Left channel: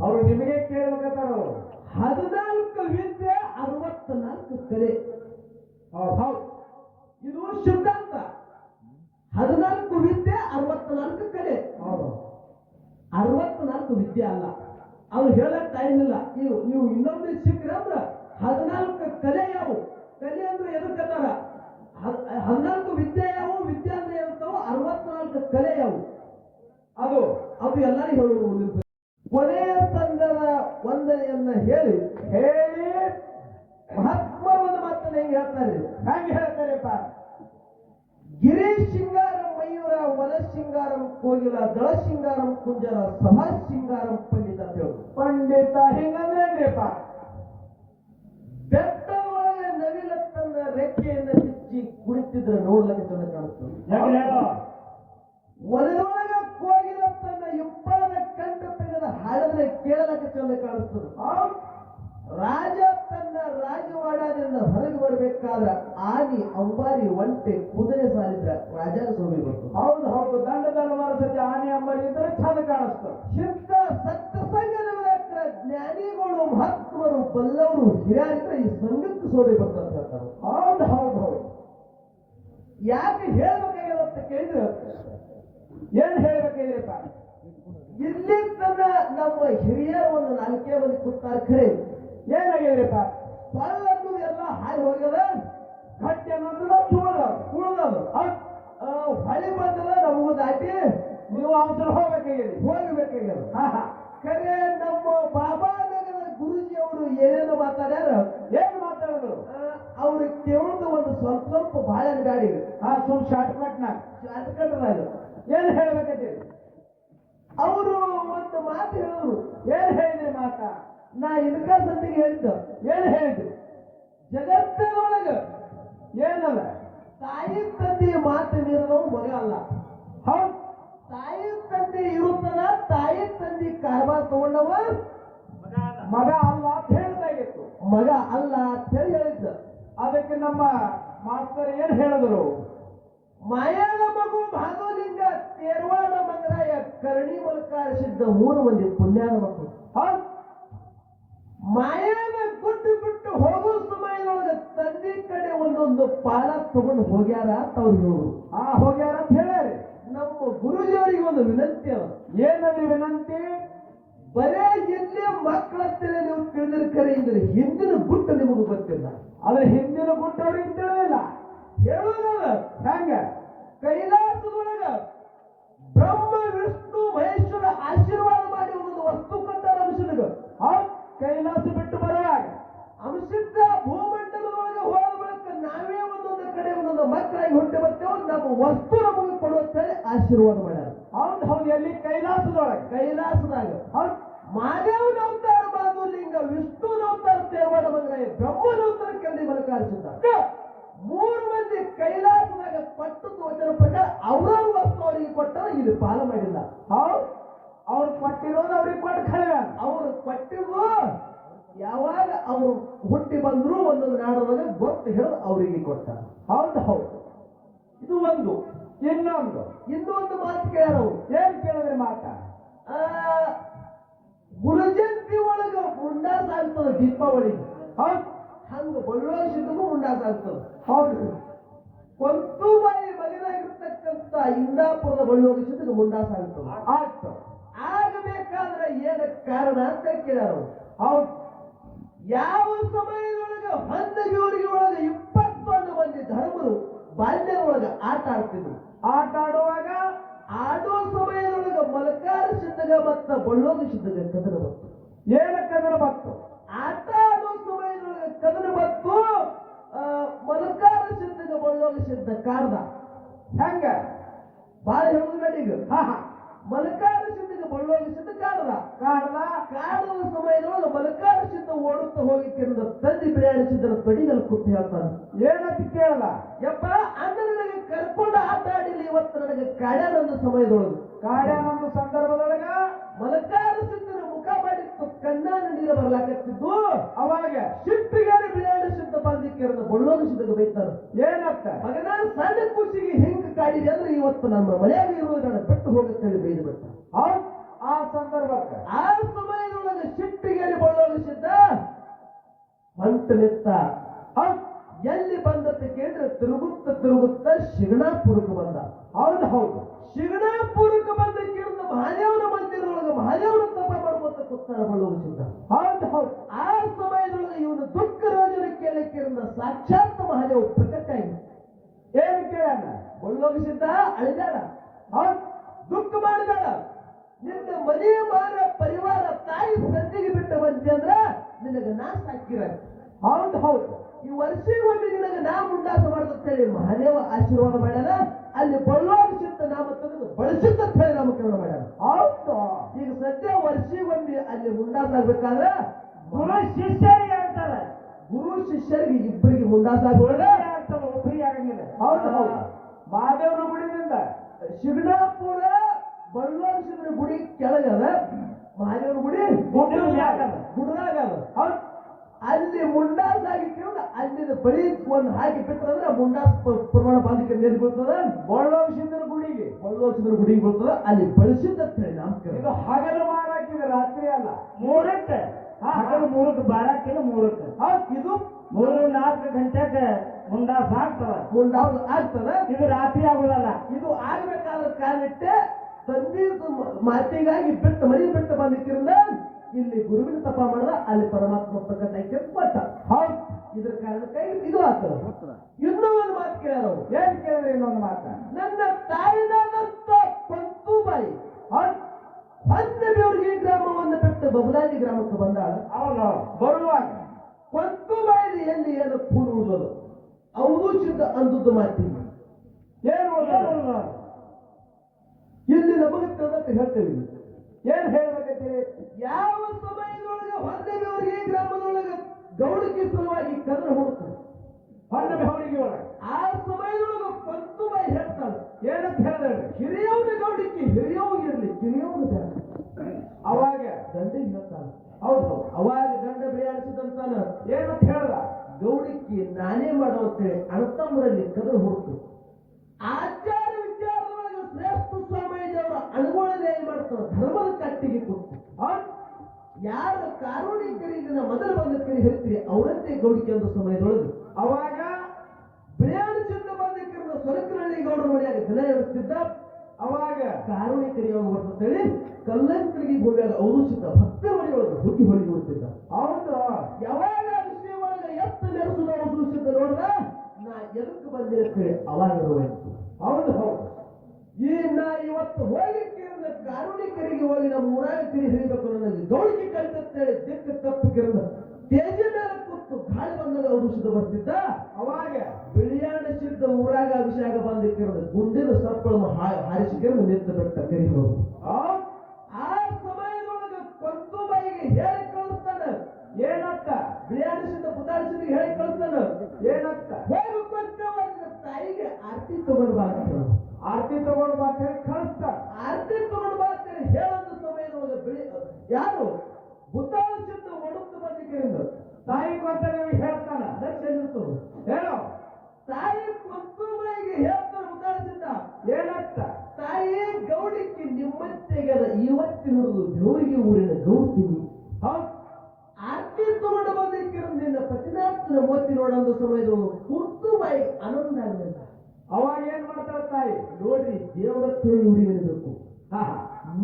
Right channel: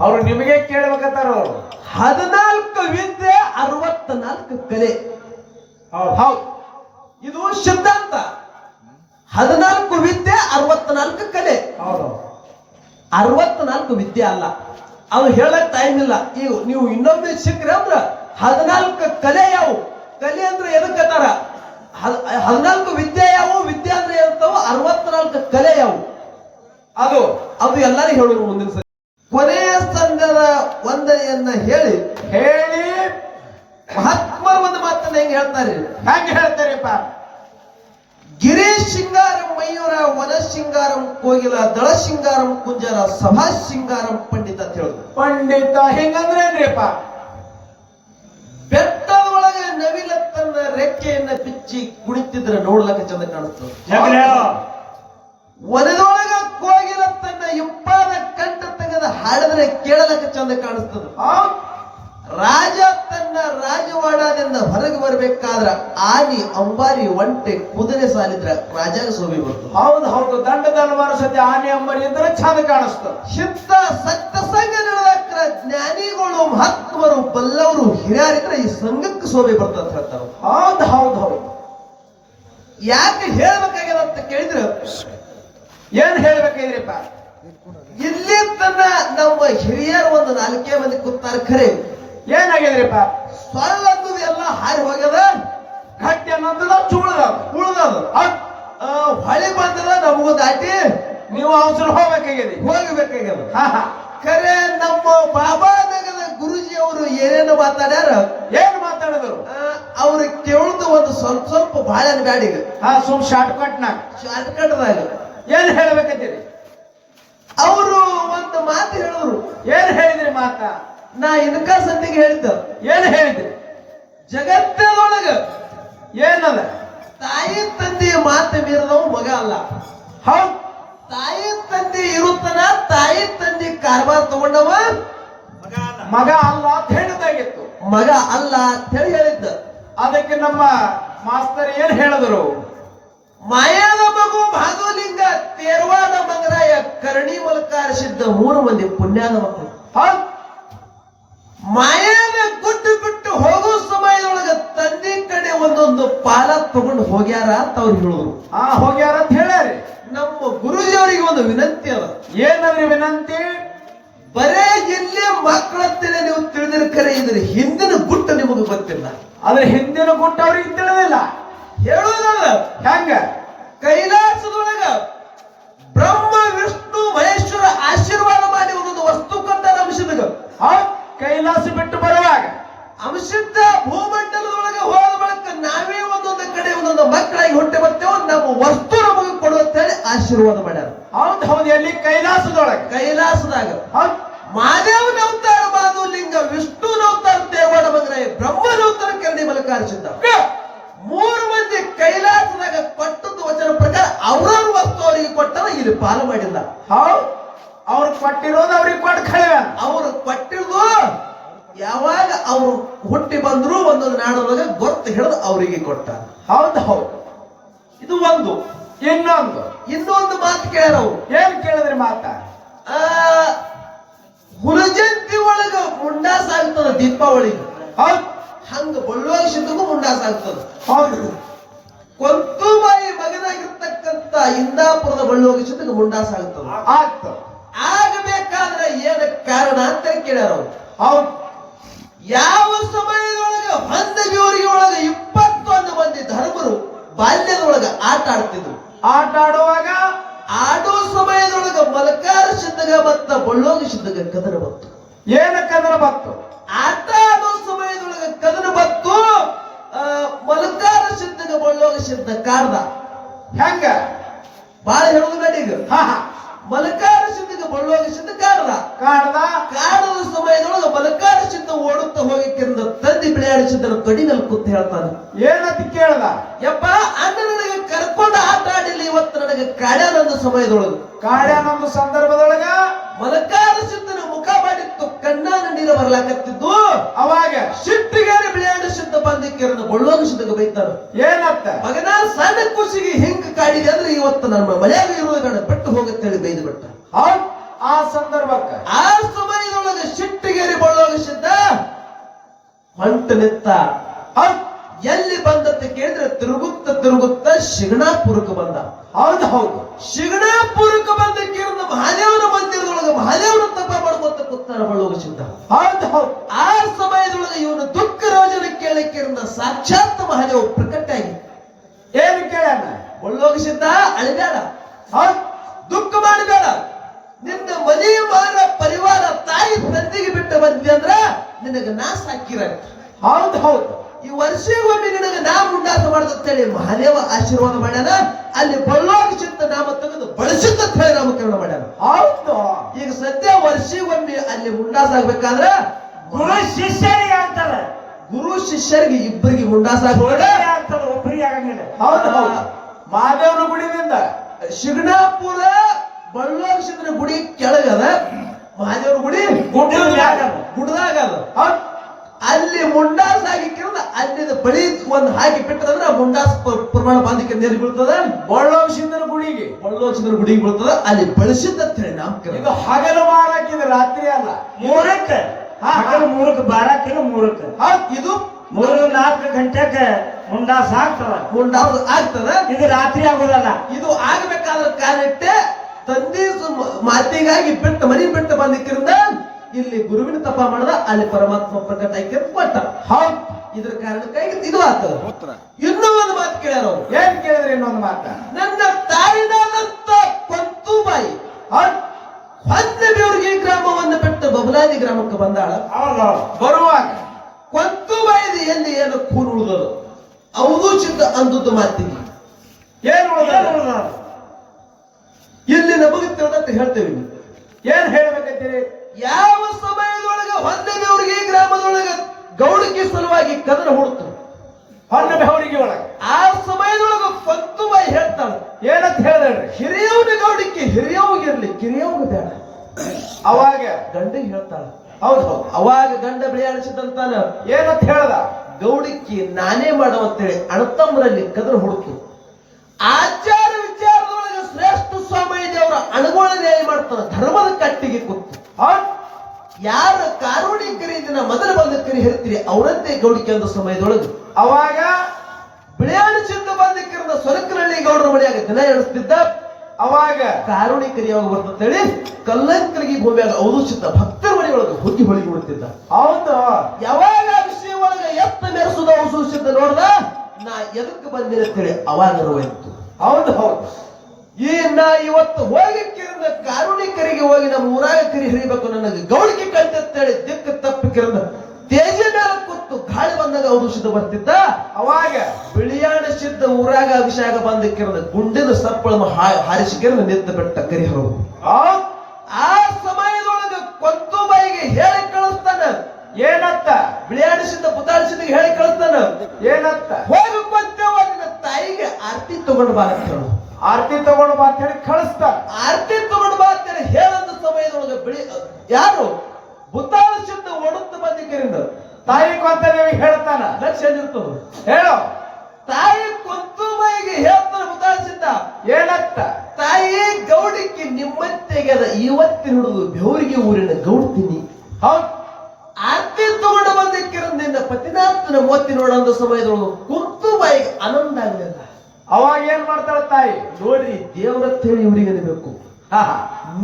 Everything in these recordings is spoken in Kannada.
ಅವ್ರು ನಿಮಗೆ ಕೇಳ್ಬೇಕತ್ತಾರ ಅವರು. ಹದಿನಾಲ್ಕು ವಿದ್ಯೆ ಅರವತ್ನಾಲ್ಕು ಕಲೆ. ಹೌದು. ಹೌದು. ಇದು ಸಿದ್ಧಾಂತ. ಹದಿನಾಲ್ಕು ವಿದ್ಯೆ ಅರವತ್ನಾಲ್ಕು ಕಲೆ. ಹೌದು. ಅರವತ್ನಾಲ್ಕು ವಿದ್ಯೆ ಅಲ್ಲ. ಅವ್ರು ಹೇಳಕ್ ಟೈಮ್ ಇಲ್ಲ. ಈಗ ನೀವು ಇನ್ನೊಮ್ಮೆ ಸಿಕ್ಕ್ರೆ ಅಂದ್ರ ಹದಿನಾಲ್ಕು ಕಲೆ ಯಾವು? ಕಲೆ ಅಂದ್ರೆ ಎದಕ್ಕತ್ತಾರ ಹದ್- ಹದಿನಾಲ್ಕು ವಿದ್ಯೆ ಯಾವು ವಿದ್ಯೆ ಅಂದ್ರೆ ಏನಂತಾವು ಅರವತ್ನಾಲ್ಕು ಕಲೆ ಯಾವು? ಅದು. ಅದು ಎಲ್ಲರಿಗೂ ಹೇಳೋರು ಮುಂದಿನ ವಂದನೆಯನ್ನ ಹೇಳಿ ಹೇಳಿ. ಮಹಾತ್ಮರ ಒಂದು ಮಾತನ್ನ ಹೆಂಗ್ ಹೇಳ್ತಾರೆ? ಹೆಂಗ್ ಹೇಳ್ತಾರೆಪ್ಪ? ಗಿರಿ ಶೃಂಗಾರಂ ಮಯೂರ ವನ ಶೃಂಗಾರಂ ಕೋಗಿಲ ದಳ ಶೃಂಗಾರಂ ಕುಂಜರ ಸಭಾ ಶೃಂಗಾರಂ ಪಂಡಿತ ಅಂತ ಹೇಳುದು. ಪಂಡಿತ ಹಿಂಗಂದ್ರೇನ್ರಿಪ್ಪ? ಬೆಟ್ಟದ ಒಳಗೆ ನವಿಲ ತನ್ನ ರೆಕ್ಕೆಯನ್ನ ಬಿಚ್ಚಿ ಕುಣಿತಿದ್ರೆ ನೋಡ್ಲಕ್ಕ ಚಂದ ಕಾಣಿಸ್ತದೆ. ವನದೊಳಗ ಕೋಗಿಲ ತನ್ನ ಹಾಡಿದ್ರೆ ಕೇಳಲಕ್ಕ ಚಂದ ಕಾಣಿಸ್ತದ. ರಾಜ ತನ್ನ ರಾಜವಾಡದಿಂದ ಹೊರಗೆ ಬರ್ಬೇಕಾದ್ರ ಆನಿ ಅಂಬಾರಿ ಒಂಟೆ ಕುದುರೆ ಸಾಲಿದ್ರ ರಾಜಾಗ ಸೋಬಿ ಬರ್ತದೆ. ಹೌದು ಹೌದು. ದಂಡದಲ್ಲಿ ಸತಿ ಆನೆ ಅಂಬಾರಿ ಇದ್ರೆ ಚಂದ ಕಾಣಿಸ್ತದೆ ಶಿತ್ತ ಸತ್ಯ ಸಂಘ ನಡೆದಕ್ರ ಜ್ಞಾನಿಗಳು ಮಹತ್ವರು ಬಲ್ಲವರು ಹಿರಿಯರಿದ್ರೆ ಈ ಸಂಘಕ್ಕೆ ಶೋಭೆ ಬರ್ತದೆ ಅಂತ ಹೇಳ್ತಾರೆ. ಹೌದು ಹೌದು ಹೌದು. ಯಾಕೆ ಹೇಳ್ಬೇಕಾಗ್ಯದ ಅಂತ ಕೇಳಿದ್ರೆ? ಏನ್ ಹೇಳ್ಬೇಕಿದ್ರಿಪ್ಪ ಇಲ್ಲಿ ತನ್ನ ನಮ್ಮ ಹಿರಿಯರು ಒಂದು ನಾಲ್ಕೇ ಮಂದಿ ಕೂತಾರ ಖರೆ. ಏನಾಗಿದ್ರಿಪ್ಪ? ಸೊಳ್ಳದ್ದು ಎಲ್ಲ ಹಾರಿ ಹೋಗ್ಯದ. ಗಟ್ಟಿ ಅನ್ನೋದದ ಚೂಳದ ಉಳ್ದದ ಹೊಳಿ ಬಂದದ ನಮಗೂ ದಾಟಿ ನೀವು ಅವಸರ ಹೋಗ್ಬೇಕಾಗ್ಯದ. ಹೋಗ್ಬೇಕಾಗ್ಯದ ಖರೆ ನಮ್ಮ ಬಾಬಾ ನಗರದ ಗುರುಜಿ ಅವರು ಏನೇನು ಮಾತಾಡ್ಯಾರ. ಏನು ಮಾತಾಡಿದ್ರು? ಅವ್ರು ಕೇಳುದು ಒಂದು ಸ್ವಲ್ಪ ಸ್ವಲ್ಪ ಬಾಳೆನ ಬ್ಯಾಡಿಗ ಹಾ ಸುಮ್ ಶಾರ್ಟ್ ಕಟ್ನಾಗ ಶಾರ್ಟ್ ಕಟ್ದಾಗ ಏನ್ ಹೇಳ್ಬೇಕತ್ತೀರಿ ಅವರು ಒಂದು ಮಾತು ಹೇಳೋರು ಏನ್ ಹೇಳಿದ್ರಿ ಮಾತ? ನಾ ಇನ್ಕ ಸಂದಿಗೆ ಹೇಳಿದ್ದ. ಏನ್ ಹೇಳಿದ್ರಿ? ಜಗತ್ತದೊಳಗ ಏನದ? ತಾಯಿ ತಂದೆಯ ಮಾತು ಮೀರಿದವ ಮಗ ಅಲ್ಲ. ಹೌದು. ತಾಯಿ ತಂದೆ ಇರುತ್ತನ ತಾಯಿ ತಂದೆ ಕಾರ್ಬಾರ್ ತಗೊಂಡವ ಮಗ ಅಲ್ಲ. ಅಂತ ಹೇಳಿದಾಗಿತ್ತು ಮಗ ಅಲ್ಲ ಅಂತ ಹೇಳಿ ಹೇಳಿದ್ದ. ಅದಕ್ಕೆ ನಮ್ಮ ಮಾಸ್ತರ್ ಏನ್ ಹೇಳಿದ್ರು? ಮಾಯಾದ ಮಗು ಭಾಗವಲಿಂಗ ತೇರ್ವಾದ ಮಂಗರಾಯ ಕರ್ಣಿ ಮೂಲಕ ಅರಸಿದ್ದ ಮೂರು ಮಂದಿ ಪುಣ್ಯಾದ ಮಕ್ಕಳು. ಮಾಯಾಗ ಮಾಯಾದ ಗುಟ್ಟು ಬಿಟ್ಟು ಹೋಗೋ ಸಮಯದೊಳಗ ತಂದೆ ಕಡೆ ಒಂದೊಂದು ಪಾಲ ತಗೊಂಡು ಹೋಗ್ಯಾರ ಅಂತ ಅವ್ರು ಹೇಳಿದ್ರು. ಆ ಹೋಗ್ಯಾರ ಅಂತ ಹೇಳ್ಯಾರಿ. ನಮ್ಮ ಗುರುಜಿಯವರಿಗೆ ಒಂದು ವಿನಂತಿ ಅದ. ಏನಂದ್ರೆ ವಿನಂತಿ? ಬರೇ ಇಲ್ಲೇ ಮಕ್ಕಳಂತೇಳಿ ನೀವು ತಿಳಿದಿರ್ಕರೆ ಇದ್ರ ಹಿಂದಿನ ಗುಟ್ಟು ನಿಮಗೆ ಗೊತ್ತಿಲ್ಲ. ಆದ್ರೆ ಹಿಂದಿನ ಗುಟ್ಟು ಅವ್ರಿಗೆ ತಿಳಿದಿಲ್ಲ. ಹೇಳುವುದಲ್ಲ? ಹೆಂಗ ಕೈಲಾಸದೊಳಗ ಬ್ರಹ್ಮ ವಿಷ್ಣು ಮಹೇಶ್ವರ ಆಶೀರ್ವಾದ ಮಾಡಿ ಒಂದೊಂದು ವಸ್ತು ಕೊಟ್ಟಾರ ಅಂಶದಾಗ ಹೌದ್ ಕೈಲಾಸ ಬಿಟ್ಟು ಬರುವಾಗ? ಅಂಶದ ಭೂಮಂಡಲದೊಳಗ ಹೋದ ಬಳಿಕ ನಾವೇ ಒಂದೊಂದು ಕಡೆ ಒಂದೊಂದು ಮಕ್ಕಳಾಗಿ ಹುಟ್ಟಿ ಬರ್ತೇವೆ ನಮ್ಮ ವಸ್ತು ನಮಗೆ ಕೊಡುವಂತೇಳಿ ಆಶೀರ್ವಾದ ಮಾಡ್ಯಾರ. ಹೌದು ಹೌದು ಎಲ್ಲಿ? ಕೈಲಾಸದೊಳಗೆ. ಕೈಲಾಸದಾಗ. ಮಾದೇವ ಮಾದೇವನ ಅವತಾರ ಮಾಧುಲಿಂಗ ವಿಷ್ಣು ಅವತಾರ ದೇವಾಡ ಮಂಗರಾಯ ಬ್ರಹ್ಮನ ಅವತಾರ ಕೆರಡಿ ಮಲಕಾರಿಸಿದ್ದ ಮೂರು ಮಂದಿ ಕೈಲಾಸದಾಗ ಕೊಟ್ಟದ್ದು ವಚನ ಪ್ರಕಾರ ಅವ್ರವ್ರ ವಸ್ತು ಅವರಿಗೆ ಕೊಟ್ಟರ ಇಲ್ಲಿ ಪಾಲು ಮಾಡಿಲ್ಲ. ಹೌ ಅವ್ರು ಕೊಟ್ಟಿರೋದು ಅವ್ರಿಗೆ ಕೊಟ್ಟು ಕಳಿವೆ ಅವರು ಕೊಟ್ಟಿರೋದು ಯಾವಾಗ ಅವರು ಹುಟ್ಟಿ ಬಂದ್ರು ಒಂದೊಂದು ನಾಡೋದಾಗ ಗೊತ್ತು ಹಿಡಿದು ಅವರಿಗೆ ಕೊಟ್ಟ. ಹೌದು ಹೌದು. ಇದು ಒಂದು. ಇನ್ನೊಂದು. ಇನ್ನೊಂದು ಮಾತು ಕೇಳ್ಯಾರ ಅವರು. ಏನ್ ಕೇಳಿದ್ರೆ ಮಾತ? ಆ ಹುಲಜಂತಿ ಒಳಗ ಮುಂಡಾಸ ಆಗ್ತದ ದೀಪಾವಳಿಗೆ. ಹಂಗ ಹಂಗ ಬಳ್ಳುವಾಯಿಸಿದ್ದಕ್ಕೂ ಮುಂಡಾಸ ಆಗ್ತದ ಹೌದು. ಕೊಂತುಬಾಯಿ ಮಗನಾಗಿರ್ತಕ್ಕಂತ ಇಂದಾಪುರದ ಬಳ್ಳುವಾಯಿಸಿದ್ದಕ್ಕೆ ಮುಂಡಾಸ ಆಗ್ತದೆ ಆಗ್ತದೆ. ಆಗಬೇಕಾದ್ರೆ ಏನ ಕಾರಣ ಅಂತ ಕೇಳ್ಯಾರ ಅವ್ರು. ಹೌದು. ಯಾವ ಸಮಯದೊಳಗೆ ಹೊಂದಗಿಯವರಿಗೆ ಒಳಗ ಇಪ್ಪತ್ತೊಂದು ಮಂದಿ ಧರ್ಮರು ಬಾಲ್ಯದೊಳಗ ಆಟ ಆಡ್ತಿದ್ರು. ಆಟ ಆಡುವಾಗ? ಆಡೋ ಸಮಯದೊಳಗ ಮಲಕಾರ ಸಿದ್ಧಗ ಮತ್ತ ಬಳ್ಳೋಗಿ ಸಿದ್ಧಗ ಕದನ ಬಂತು. ಏನ ಕದನ ಬಂತು? ಆಟ ಆಡೋ ಸಮಯದೊಳಗ ಕದನ ಬಂತು ಆ, ಮಲಕಾರ ಸಿದ್ಧಗ ಕಾರದ ಸಿದ್ಧ ಕಾಡ್ದ ಹೆಂಗ? ಬಾಳ ಹೇಳುದು ಬೇಡ ಈಗ. ಹಾ ಬಲಕಾರ ಮಲಕಾರ ಸಿದ್ಧಗ ಬಳ್ಳೋಗ ಸಿದ್ಧ ಕಾರದ ಕಾಡ್ದ ಸಮಯದೊಳಗೆ ಸಮಯದೊಳಗ ಮಲಕಾರ ಸಿದ್ಧ ಓಡುತ್ತಾ ಹೋಗಿಕ್ಕಿಂದ ತಂದಿ ಬಿಳೆಯಾಡಿಸಿದ್ದನ ತೊಡಿನಲ್ಲಿ ಕೂತ್ ಹೇಳ್ತಾನೆ. ಏನಂತ ಕೇಳ್ದ? ಯಪ್ಪ ಅಣ್ಣ ನನಗೆ ಕರ್ಕೊಂಡ ಆಟ ಆಡಿಲ್ಲ ಇವತ್ತು ನನಗೆ ಕಾಡ್ಯಾನಂದ ಸಮಯದೊಳಗೆ. ಕಾಡ್ಯಾನಂದ ಸಂದರ್ಭದೊಳಗ? ಮಲಕಾರ ಸಿದ್ಧನ ಕಣ್ಣ ಗಂಡಿನ ಬರ್ಲಾಕತ್ತಿದ್ದು ಅವಾಗ ಶಿಟ್ಟಿಗಾರಿ ಬಿಳಿಯಾಡ ಬಂದಿ ಬಂದಿಕ್ಕಿರನ ಬೊಳ್ಳೋದು ಶಬ್ದಕ್ಕೆ ಬೈತಾರ. ಏನತ್ತ? ಮಗನ ಸಣ್ಣ ಖುಷಿಗೆ ಹಿಂಗ್ ಕಾಡಿದೆ ಅಂದ್ರೆ ಇವತ್ತು ನಮ್ಮ ಮಳೆಯಾಗ ಇರೋದು ಕಣ ಬಿಟ್ಟು ಹೋಗತ್ತೇಳಿ ಬೈದು ಬಿಟ್ಟ. ಆ ಸಂದರ್ಭಕ್ಕ? ಆ ಸಮಯದೊಳಗೆ ಶಿಟ್ಟಿಗೇರಿ ಬೊಳ್ಳೋಗ ಶಬ್ದ ಹೊಂಟ ನಿತ್ತ ಎಲ್ಲಿ ಬಂದತ್ತ ಕೇಂದ್ರ ತಿರುಗುತ್ತ ತಿರುಗುತ್ತ ಶಿಗಣಾಪುರಕ್ಕೆ ಬಂದ. ಹೌದು ಹೌದು. ಶಿಗಣಾಪುರಕ್ಕೆ ಬಂದ ಕಿರಣ ಮಹಾದೇವನ ಮಂದಿರದೊಳಗೆ ಮಹಾದೇವನ ತಪ ಮಾಡ್ಕೊತ ಕೂತಾನ ಬಳ್ಳೋಗ ಸಿದ್ಧ. ಹೌದು ಹೌದು. ಆ ಸಮಯದೊಳಗೆ ಇವನು ದುಃಖ ರೋಜನ ಕೇಳಕ್ಕಿರಂದ ಸಾಕ್ಷಾತ್ ಮಹಾದೇವ ಪ್ರಕಟ ಆಗಿ ಏನು ಕೇಳಣ ಬಳ್ಳೋಗ ಸಿದ್ಧ ಅಳಿಬೇಡ. ಹೌದು. ದುಃಖ ಮಾಡಬೇಡ. ನಿನ್ನ ಮನೆ ಮಾರ ಪರಿವಾರ ತಾಯಿ ತಂದೆಗೆ ಬಿಟ್ಟು ಬಂದ್ವಿ ಅಂದ್ರ ನಿನಗ ನಾ ಸಾಕಿರ ಹೌದು ಹೌದು. ಈ ವರ್ಷಗೊಮ್ಮೆ ನಿನಗೆ ನಾ ಮುಂಡಾಸ ಮಾಡದಂತೇಳಿ ಮಹಾದೇವ ಆಶೀರ್ವಾದ ಮಾಡ್ಯಾನ. ಅಲ್ಲಿ ಬಳ್ಳೋಗ ಚಿಂತ ನಾಮ ತೆಗೆದು ಬಳಸಿದ್ದ ಹೇಳಿ ನಾಮಕರಣ ಮಾಡ್ಯಾನ. ಹೌದು. ಈಗ ಸದ್ಯ ವರ್ಷಗೊಮ್ಮೆ ಅಲ್ಲಿ ಮುಂಡಾಸ ಆಗ್ಬೇಕಾದ್ರ ಗುರು ಶಿಷ್ಯರಿಗೆ ಅಂತಾರೆ. ಗುರು ಶಿಷ್ಯರಿಗೆ ಇಬ್ಬರಿಗೆ ಮುಂಡಾಸ ಆಗ್ಬೇಡ ಒಬ್ಬರಿಗೆ ಆಗಂಗಿಲ್ಲ. ಹೌದು ಹೌದು. ಮಹಾದೇವನ ಗುಡಿದಿಂದ ಶಿಗ್ನಾಪುರ ಬಳ್ಳೋಕ್ಷದ್ರ ಗುಡಿ ಕೆಳಗದ ಮಹಾದೇವನ ಗುಡಿ ಗುಡ್ಡದಾಗ. ಗುಡ್ಡದಾಗ ಅದ. ಅಲ್ಲಿ ಮುಂಡಾಸ್ ಹಾಕಿ ಕಿರಂದ ಅಲ್ಲಿದ ಬಳಿ ಒಂದು ಹಾಕಿ ಬಿಟ್ಟದಂದ್ರೆ ಆ ಮುಂಡಾಸ್ ಪ್ರಮಾಣ ಬಾಂಧಿಕ ನೀರು ಬೀಳ್ತದ. ಬಳ್ಳೋಶಿಂದನ ಗುಡಿಗೆ. ಬಳ್ಳೋಕ್ಷದ್ರ ಗುಡಿಗೆ ಬೀಳ್ತದೆ. ಅಲ್ಲಿ ಬಳಸಿದ್ದ ಹೇಳಿ ನಾಮಕರಣ ಇದು ಹಗಲು ಮಾಡಾಕಿದ ರಾತ್ರಿ ಅಲ್ಲ. ಮೂರಕ್ಕ. ಹಗಲು ಮೂರಕ್ಕೆ ಬಾರಕ್ಕಿಲ್ಲ ಮೂರಕ್ಕೆ. ಇದು ಮೂರು ನಾಲ್ಕು ಗಂಟೆಕ ಮುಂಡಾಸ್ ಆಗ್ತದ. ಮುಂಡಾಸ್ ಆಗ್ತದ. ಇದು ರಾತ್ರಿ ಆಗೋದಲ್ಲ. ಇದು ಆಗಬೇಕಾದ ಕಾರಣಕ್ಕೆ ತಂದೆ ಮಾತಿಗಾಗಿ ಬಿಟ್ಟು ಮನಿ ಬಿಟ್ಟು ಬಂದಿಕ್ಕಿರಿಂದ ಇಲ್ಲಿ ಗುರುವಿನ ತಪ ಮಾಡದ ಅಲ್ಲಿ ಪರಮಾತ್ಮ ಪ್ರಕಟ ಐಕ್ಯ ಕೊಟ್ಟ. ಹೌದ್. ಇದ್ರ ಕಾರಣಕ್ಕಾಗಿ ಇದು ಆತ. ಇನ್ನೂ ಒಂದು ಮಾತು ಕೇಳ್ಯಾರ ಅವ್ರು. ಏನ್ ಕೇಳಿದ್ರೆ ಇನ್ನೊಂದು ಮಾತ? ನನ್ನ ತಾಯಿನಾದಂತ ಕೊಂತುಬಾಯಿ ಬಾಯಿ ಹೊನ್ನಬೇವ್ರಿಗೆ ಗ್ರಾಮವನ್ನು ಬಿಟ್ಟು ಬಬಲಾದಿ ಗ್ರಾಮಕ್ಕೆ ಬಂದಾಳ. ಬರುವಾಗ. ಕೊಂತು ಬಾಯಿದ ಎಲ್ಲಿ ಏನು ಕೂನ್ ಉಳಿದದು? ಅವನು ಚಿಂತ ಅಂದದ್ದು ಮಾತಿಗೆ. ಏನ್? ಇಲ್ಲಿ ನಮಗೆ ತಿಳಿದಂತ ಹೇಳ್ತೇವೆ. ಏನ್ ಹೇಳ್ಬೇಕಂತೀರಿ? ಯಾವ ಸಮಯದೊಳಗೆ ಹೊನ್ನಬೇವ್ರಿಗೆ ಗ್ರಾಮದೊಳಗೆ ಗೌಡಕ್ಕೆ ಸಲುವಾಗಿ ಕದನ ಹುಡುತು? ಹೊನ್ನ ಬೆವರಿಗೆ ಒಳಗೆ. ಆ ಸಮಯದೊಳಗೆ ಕೊಂತುಬಾಯಿ ಹೇಳ್ತಾಳೆ ಏನಂತ ಹೇಳಿದ್ರಿ? ಹಿರಿಯವನ ಗೌಡಕ್ಕೆ ಹಿರಿಯವ್ಗಿರ್ಲಿ ಕಿರಿಯವ್ಗ ಬೇಡ. ಅವಾಗ? ಗಂಡಿಗೆ ಹೇಳ್ತಾಳ ಹೌದು ಹೌದು ಅವಾಗ ಗಂಡ ಬೆಳೆಯಾಡಿಸಿದಂತಾನ. ಏನಂತ ಹೇಳ್ದ? ಗೌಡಿಕ್ಕಿ ನಾನೇ ಮಾಡುವಂತೇಳಿ ಅಣತಮ್ಮರಲ್ಲಿ ಕದನ ಹುಡುಕು ಆಚಾರ ವಿಚಾರದೊಳಗೆ ಶ್ರೇಷ್ಠ ಸ್ವಾಮಿ ದೇವರ ಅಣಗೋಳ ನ್ಯಾಯ ಮಾಡ್ತಾನೆ ಧರ್ಮದ ಕಟ್ಟಿಗೆ ಕೂತು. ಯಾರ ಕಾರುಣಿಕರಿ ಇದನ್ನ ಮೊದಲು ಬಂದ ಕರಿ ಹೇಳ್ತೀರಿ, ಅವರಂತೆ ಗೌಡಿಕೆ ಸಮಯದೊಳಗೆ. ಅವಾಗ ಬಿಳಿಯಾಡು ಚಿಂತ ಬಂದಿಕ್ಕಿರದ ಸೊರಕನಹಳ್ಳಿ ಗೌಡರ ಮನೆಯಾಗ ದಿನ ಎಣಿಸ್ತಿದ್ದ. ಅವಾಗ ಕಾರುಣಿ ಕರಿಯಾಗ ಬರ್ತಂತೇಳಿ ಕಲ್ಲಂಕರಿಗೆ ಭೂಮಿಯಾಗ ಚಿತ್ತ ಭಕ್ತರ ಮನೆಯೊಳಗೆ ಹುಗ್ಗಿ ಹೊಳಿ ಬಿಡುತ್ತಿದ್ದ ಹೌದು? ಯಾವಾಗ ವಿಷಯ ಒಳಗ ಎತ್ತ ಮೆರೆಸುದ ಅವಸೂಸಿದ್ದ ನೋಡ್ದ, ನಾ ಎದಕ್ಕೆ ಬಂದಿರತ್ತೇಳಿ ಅವಾಗ ನೋವಾಯ್ತು ಹೌದು ಹೌದು. ಈ ನಾ ಇವತ್ತು ಹೋಗಿ ಕಿರಂದ ಕಾರುಣಿಕರಿಗೆ ಹೋಗಿ ನಮ್ಮ ಊರಾಗ ಕಿರಿ ಹಿಡಿಬೇಕು ನನಗೆ ಗೌಳಿಗೆ ಕಳ್ತೇಳಿ ದಿಕ್ಕ ತಪ್ಪಿ ಕಿರಂದ ತೇಜ ಮೇಲೆ ಕೂತು ಗಾಳಿ ಬಂದಾಗ ಔಷಧ ಬರ್ತಿದ್ದ ಅವಾಗ ಬಿಳಿಯಾಣ ಸಿದ್ಧ ಊರಾಗ ಅಭಿಷೇಕ ಬಂದ ಕಿರಂದ ಗುಂಡಿನ ಸಪ್ಪಳ ಹಾರಿಸಿ ಕಿರಣ ನಿಂತ ಬೆಟ್ಟ ಕರಿ ಹೌದ್ ಆ? ಸಮಯದೊಳಗೆ ಕೊಂತು ಬಾಯಿಗೆ ಹೇಳಿ ಕಳಿಸ್ತಾನ. ಏನತ್ತ? ಬಿಳಿಯಾಡಿಸಿದ್ದ ಪುತಾಡಿಸಿದ ಹೇಳಿ ಕಳಿಸ್ತಾನ. ಏನತ್ತ? ಹೋಗಿ ಕೊಂತೇವ ನಿನ್ನ ತಾಯಿಗೆ ಆರ್ತಿ ತಗೊಂಡು ಬಾ ಅಂತ ಹೇಳು. ಆರ್ತಿ ತಗೊಂಡು ಬಾ ಅಂತ ಹೇಳಿ ಕಳಿಸ್ತಾರ. ಆರತಿ ತಗೊಂಡು ಬಾ ಅಂತೇಳಿ ಹೇಳಂದ ಸಮಯದೊಳಗೆ ಬಿಳಿ ಯಾರು? ಬುದ್ಧಾಳಿಸಿದ್ದ ಒಡುತ್ತ ಬಂದಿದ್ದರಿಂದ. ತಾಯಿ ಕೊಂತ ನೀವು ಹೇಳ್ತಾನ. ಲಕ್ಷ ಇರ್ತದ ಹೇಳು. ತಾಯಿ ಕೊಂತು ಬಾಯಿಗೆ ಬುತ್ತಾಳ ಬುದ್ಧಾಳಿಸಿದ್ದ ಏನತ್ತ? ತಾಯಿ ಗೌಡಿಕ್ಕೆ ನಿಮ್ಮತ್ತೆಗೆ ಅದ ಇವತ್ತಿನ ಹಿಡಿದು ಬೆವರಿಗೆ ಊರಿನ ಗೌಡ್ತೀನಿ. ಹೌದ್. ಆರತಿ ತಗೊಂಡು ಬಂದಿಕ್ಕಿರ ನಿನ್ನ ಪತಿನಾಥನ ಮೋತಿ ಸಮಯದೊಳಗೆ ಕುಂತು ಬಾಯಿಗೆ ಆನಂದ ಆಗಲಿಲ್ಲ. ಅವಾಗ ಏನ್ ಮಾಡ್ತಾಳೆ ತಾಯಿ? ನೋಡ್ರಿ ದೇವ್ರತ್ ಹೇಳಿ ಇವರಿಗೆ ಅನ್ಬೇಕು.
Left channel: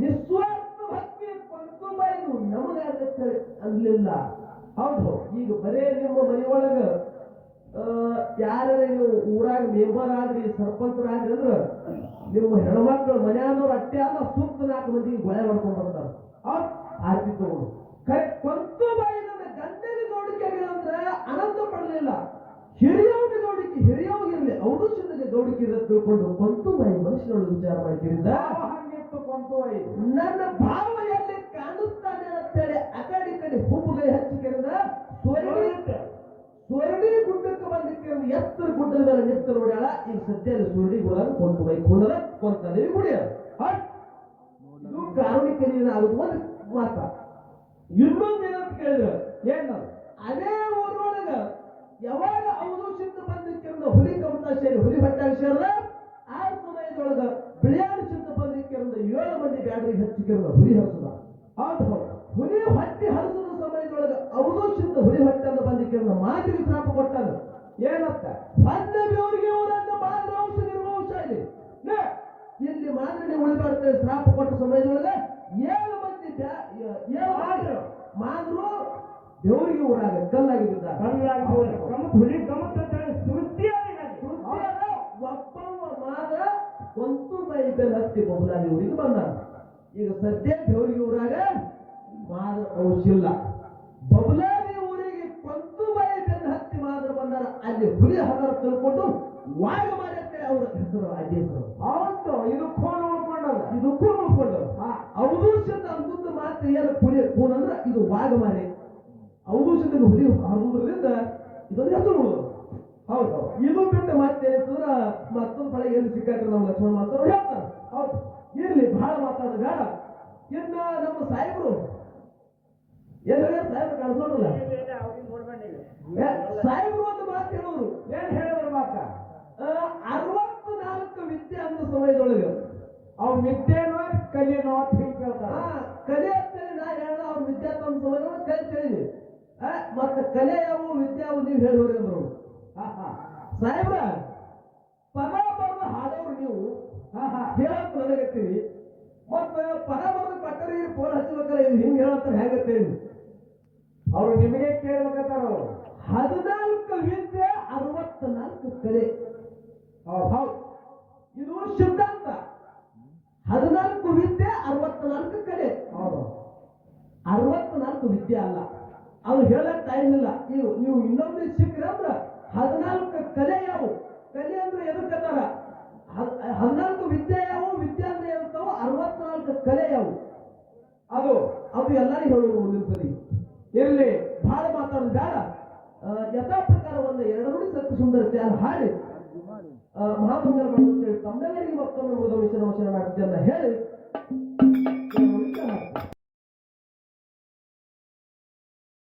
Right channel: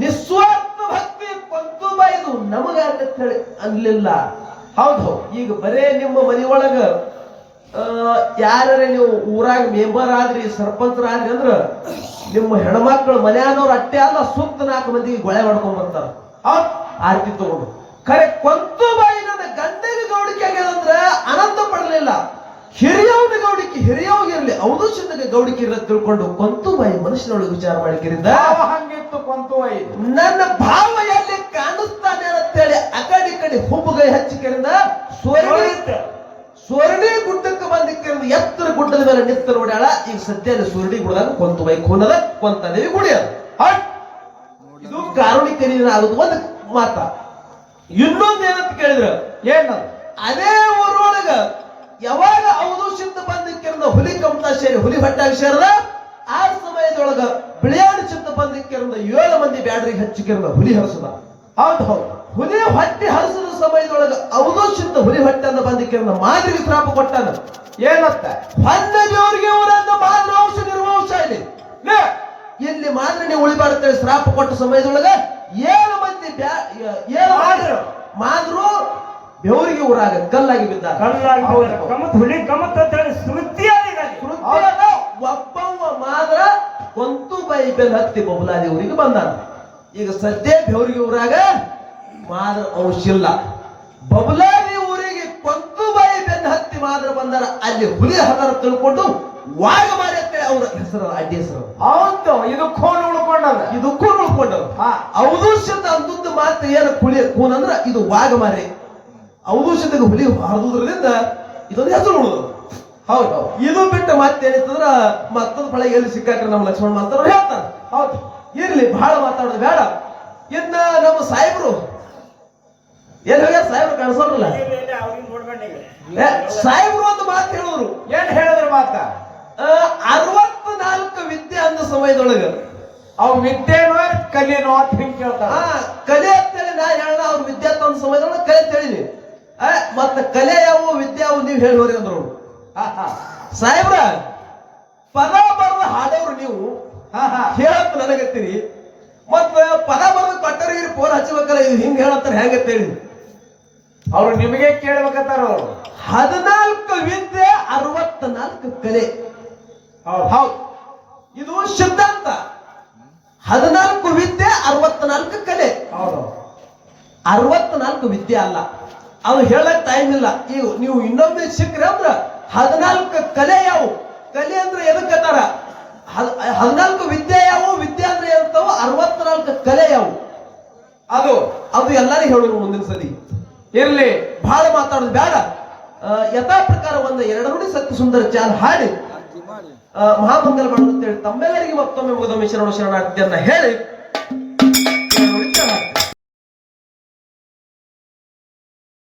ನಿಸ್ವಾರ್ಥ ಭಕ್ತಿ ಪಂತು ಬಾಯಿದು ನಮಗ ಅಂತ ಹೇಳಿ ಅನ್ಲಿಲ್ಲ. ಹೌದು ಈಗ ಬರೇ ನಿಮ್ಮ ಮನೆಯೊಳಗ ಯಾರ ನೀವು ಊರಾಗ ಮೆಂಬರ್ ಆದ್ರಿ ಸರ್ಪಂಚರಾದ್ರಿ ಅಂದ್ರ, ನಿಮ್ಮ ಹೆಣ್ಮಕ್ಳು ಮನ್ಯಾನವ್ರು ಅಟ್ಟೆ ಅಲ್ಲ, ಸುತ್ತ ನಾಲ್ಕು ಮಂದಿಗೆ ಗೊಳೆ ಮಾಡ್ಕೊಂಡ್ ಬರ್ತಾರ. ಆರ್ತಿ ತಗೊಂಡು. ಕರೆ ಕೊಂತು ಬಾಯಿ ನನ್ನ ಗಂಡಗೆ ಗೌಡಿಕೆ ಆಗ್ಯದಂದ್ರ ಆನಂದ ಪಡಲಿಲ್ಲ. ಹಿರಿಯವನ ಗೌಡಿಕೆ ಇರಲಿ ಅವನು ಸಿದ್ಧಗೆ ಗೌಡಿಕೆ ಇರ ತಿಳ್ಕೊಂಡು ಕೊಂತು ಬಾಯಿ ಮನುಷ್ಯನೊಳಗೆ ವಿಚಾರ ಮಾಡಿಕಿರಿಂದ ಹಂಗಿತ್ತು ಕೊಂತು ಬಾಯಿ. ನನ್ನ ಭಾವ ಎಲ್ಲಿ ಕಾಣಿಸ್ತಾನೆ ಅಂತೇಳಿ ಆ ಕಡೆ ಈ ಕಡೆ ಹುಬ್ಬುಗೈ ಹಚ್ಚಿಕಿರಿಂದ ಸ್ವರ್ಣಿ. ಸ್ವರ್ಣಿ ಗುಡ್ಡಕ್ಕೆ ಬಂದಿಕ್ಕಿರಿಂದ ಎತ್ತರ ಗುಡ್ಡದ ಮೇಲೆ ನಿಂತ ನೋಡ್ಯಾಳ. ಈಗ ಸದ್ಯ ಸ್ವರ್ಣಿ ಗುಡ್ದಾಗ ಕೊಂತು ಬೈ ಖೂನದ ಕೊಂತದೇವಿ ಗುಡಿ ಅದು. ಇದು ಇದು ಕಾರುಣಿಕರಿನ ಆಗುದು ಒಂದು ಮಾತ. ಇನ್ನೊಂದು ಏನಂತ ಕೇಳಿದ್ರ? ಏನದು? ಅದೇ ಊರೊಳಗ ಯಾವಾಗ ಅವಧು ಸಿದ್ಧ ಬಂದಿಕ್ಕಿರದ ಹುಲಿ ಕಮತ ಸೇರಿ ಹುಲಿ ಹೊಟ್ಟಾಗ ಸೇರದ ಆ ಸಮಯದೊಳಗ ಬಿಳಿಯಾಣ ಚಿತ್ತ ಬಂದಿಕ್ಕಿರದ ಏಳು ಮಂದಿ ಬ್ಯಾಡ್ರಿಗೆ ಹಚ್ಚಿಕಿರಂದ ಹುಲಿ ಹರಿಸದ. ಹೌದು ಹೌದು. ಹುಲಿ ಹೊಟ್ಟೆ ಹರಿಸದ ಸಮಯದೊಳಗ ಅವಧು ಸಿದ್ಧ ಹುಲಿ ಬಂದ ಕೇರ್ನ ಮಾದ್ರಿಗೆ ಶ್ರಾಪ ಕೊಟ್ಟಾನ. ಏನತ್ತ? ಹೊನ್ನ ದೇವರಿಗೆ ಅವರನ್ನ ಮಾದ್ರ ವಂಶ ನಿರ್ವಂಶ ಇಲ್ಲಿ. ಇಲ್ಲಿ ಮಾತ್ರ ನೀವು ಉಳಿಬಾರ್ತೇವೆ ಶ್ರಾಪ ಕೊಟ್ಟ ಸಮಯದೊಳಗ ಏಳು ಮಂದಿ ಏಳು ಮಾದ್ರು. ಬೆವರಿಗೆ ಊರಾಗ ಕಲ್ಲಾಗಿ ಬಿದ್ದ ಕಲ್ಲಾಗಿ ಗಮತ್ ಕಮತ್ ಹುಲಿ ಗಮತ್ ಅಂತ ಹೇಳಿ ಶ್ರುತಿ ಒಬ್ಬವ ಮಾತ್ರ ಕೊಂತು ಬೈ ಬೆಲ್ ಹತ್ತಿ ಬಬುಲಾದಿ ಊರಿಗೆ ಬಂದಾನ. ಈಗ ಸದ್ಯ ಬೆವರಿಗೆ ಊರಾಗ ಮಾದ್ರ ಅವಶ್ಯ ಇಲ್ಲ. ಬಬಲಾದಿ ಊರಿಗೆ ಕೊಂತು ಬೈ ಬೆನ್ ಹತ್ತಿ ಮಾದ್ರ ಬಂದಾರ. ಅಲ್ಲಿ ಹುಲಿ ಹತರ ತಿಳ್ಕೊಂಡು ವಾಗ ಮಾರಿ ಅಂತೇಳಿ ಅವ್ರ ಹೆಸರು ಅಡ್ಡಿ ಹೆಸರು. ಹೌದು ಇದು ಖೋನ್ ಇದಕ್ಕೂ ಇದು ಕೂನ್ ಉಳ್ಕೊಂಡವ ಹೌದು ಔದುಷ್ಯದ ಅಂದದ್ದು ಮಾತು ಏನು ಕುಳಿ ಕೂನ್ ಅಂದ್ರ ಇದು ವಾಗ ಮಾರಿ. ಔದುಷ್ಯದಾಗ ಹುಲಿ ಹರಿದುದ್ರದಿಂದ ಇದೊಂದು ಹೆಸರು ಉಳಿದು ಹೌದು. ಹೌದು ಇದು ಬಿಟ್ಟು ಮತ್ತೇನಿತ್ತಂದ್ರ ಮತ್ತೊಂದು ಪಳೆ ಎಲ್ಲಿ ಸಿಕ್ಕಾಕ್ರೆ ನಮ್ಮ ಲಕ್ಷ್ಮಣ ಮಾತಾಡೋರು ಹೇಳ್ತಾರೆ. ಹೌದು. ಇರ್ಲಿ ಬಹಳ ಮಾತಾಡೋದು ಬೇಡ. ಇನ್ನ ನಮ್ಮ ಸಾಹೇಬ್ರು ಏನ್ ಹೋಗ್ಯಾರ ಸಾಹೇಬ್ರು ಕಾಣಿಸೋರಲ್ಲ ಸಾಹೇಬ್ರು ಒಂದು ಮಾತು ಹೇಳಿದ್ರು. ಏನ್ ಹೇಳಿದ್ರ ಮಾತ? ಅರವತ್ನಾಲ್ಕು ವಿದ್ಯೆ ಅಂದ ಸಮಯದೊಳಗ ಅವ್ ವಿದ್ಯೆನೋ ಕಲೆನೋ ಅಂತ ಹಿಂಗ್ ಕೇಳ್ತಾರ. ಕಲೆ ಅಂತೇಳಿ ನಾ ಹೇಳ ಅವ್ರ ವಿದ್ಯಾರ್ಥಿ ಸಮಯದೊಳಗೆ ಸಮಯದೊಳಗ ಕಲೆ ತಿಳಿನಿ ಮತ್ತ ಕಲೆ ಯಾವು ವಿದ್ಯೆ ಯಾವು ನೀವು ಹೇಳಿ ಅಂದ್ರು. ಹಾ ಹಾ. ಸಾಹೇಬ್ರ ಪದ ಬರೆದ ಹಾಡೋರು ನೀವು ಹೇಳಂತ ನನಗತ್ತೀರಿ. ಮತ್ತ ಪದ ಬರೆದ ಕೊಟ್ಟರಿಗೆ ಫೋನ್ ಹಚ್ಚಬೇಕಲ್ಲ ಇದು ಹಿಂಗ್ ಹೇಳತ್ತಾರ ಹೆಂಗತ್ತೇಳಿ ಅವ್ರು ನಿಮಗೆ ಕೇಳ್ಬೇಕಂತಾರ ಅವ್ರು. ಹದಿನಾಲ್ಕು ವಿದ್ಯೆ ಅರವತ್ನಾಲ್ಕು ಕಲೆ. ಹೌದು. ಹೌದು. ಇದು ಸಿದ್ಧಾಂತ. ಹದಿನಾಲ್ಕು ವಿದ್ಯೆ ಅರವತ್ನಾಲ್ಕು ಕಲೆ. ಹೌದು. ಅರವತ್ನಾಲ್ಕು ವಿದ್ಯೆ ಅಲ್ಲ. ಅದು ಹೇಳಕ್ ಟೈಮ್ ಇಲ್ಲ. ಈಗ ನೀವು ಇನ್ನೊಮ್ಮೆ ಸಿಕ್ಕ್ರೆ ಅಂದ್ರ ಹದಿನಾಲ್ಕು ಕಲೆ ಯಾವು? ಕಲೆ ಅಂದ್ರೆ ಎದಕ್ಕತ್ತಾರ ಹದಿನಾಲ್ಕು ವಿದ್ಯೆ ಯಾವು? ವಿದ್ಯೆ ಅಂದ್ರೆ ಏನಂತಾವ ಅರವತ್ನಾಲ್ಕು ಕಲೆ ಯಾವು? ಅದು ಅದು ಎಲ್ಲರಿಗೂ ಹೇಳೋರು ಮುಂದಿನ ಸತಿ. ಇರ್ಲಿ ಬಹಳ ಮಾತಾಡೋದು ಬೇಡ ಯಥಾ ಪ್ರಕಾರ ಒಂದು ಎರಡು ನುಡಿ ಸತ್ಯ ಸುಂದರ ಚಾಲ್ ಹಾಡಿ ಮಹಾಮಂಗಲ ಮಾಡೋದು ಅಂತೇಳಿ ತಮ್ಮೆಲ್ಲರಿಗೆ ಮತ್ತೊಮ್ಮೆ ಮುಗಿದ ಮಿಶ್ರಣ ಶರಣಾರ್ಥಿಯನ್ನ ಹೇಳಿ.